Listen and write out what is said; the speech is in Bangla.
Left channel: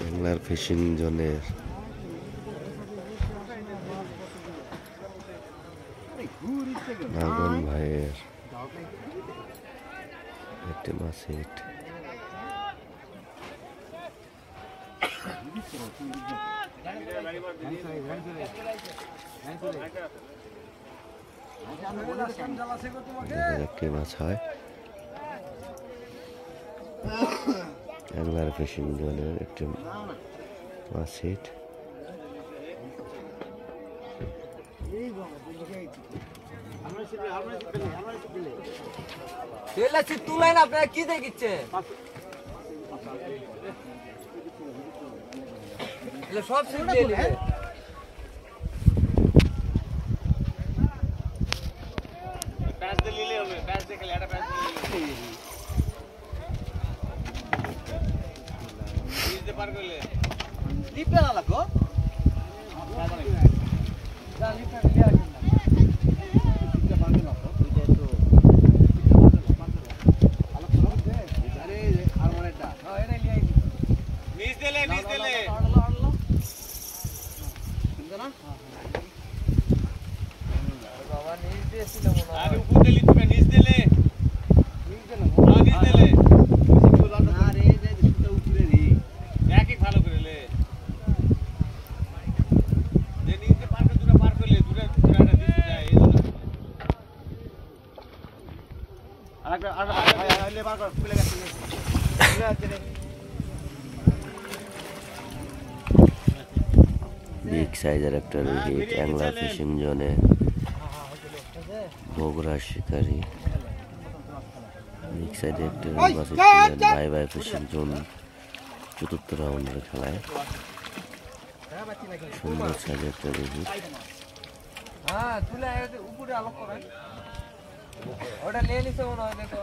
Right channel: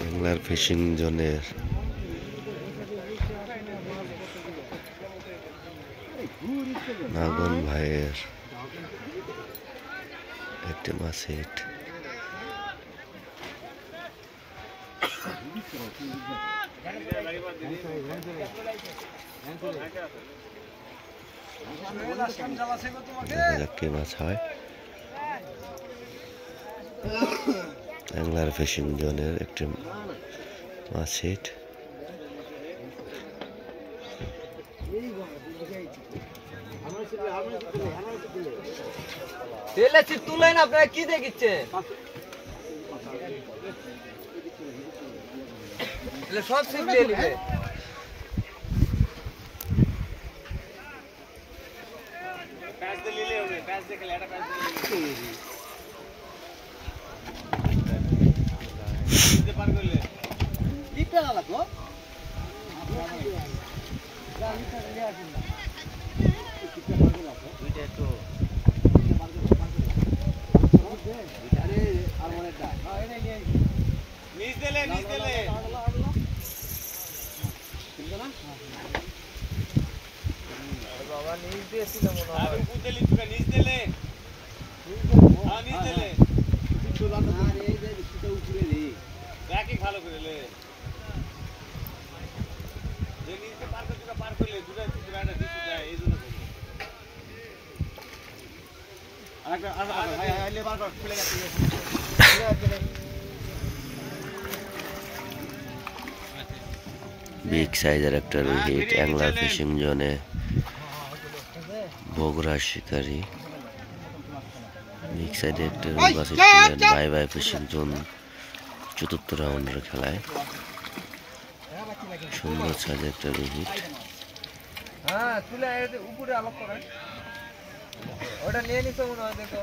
অ্যাংলার ফিশিং জোনের নাগন ভাইয়ের একটি মাছ হিট। দেখা যাক কি মাছ হয়। অ্যাংলার ফিশিং জোনের একটি মাছ হিট। তুলেন আপনারা কি দেখিচ্ছে সব ছিপ দিয়ে নিবে। বিগ সাইজের একটা রুহিট অ্যাংলার ফিশিং জোনে বগুড়া শিকারি। বিগ সাইজে একটা রুই মাছ বাই বাই ফিশিং জোন চতুর্থ রাউন্ডের খেলায়। সুন্দর সাইজের একটা রুহিট। ওটা নিয়ে নিছে মনে হয়, দেখো।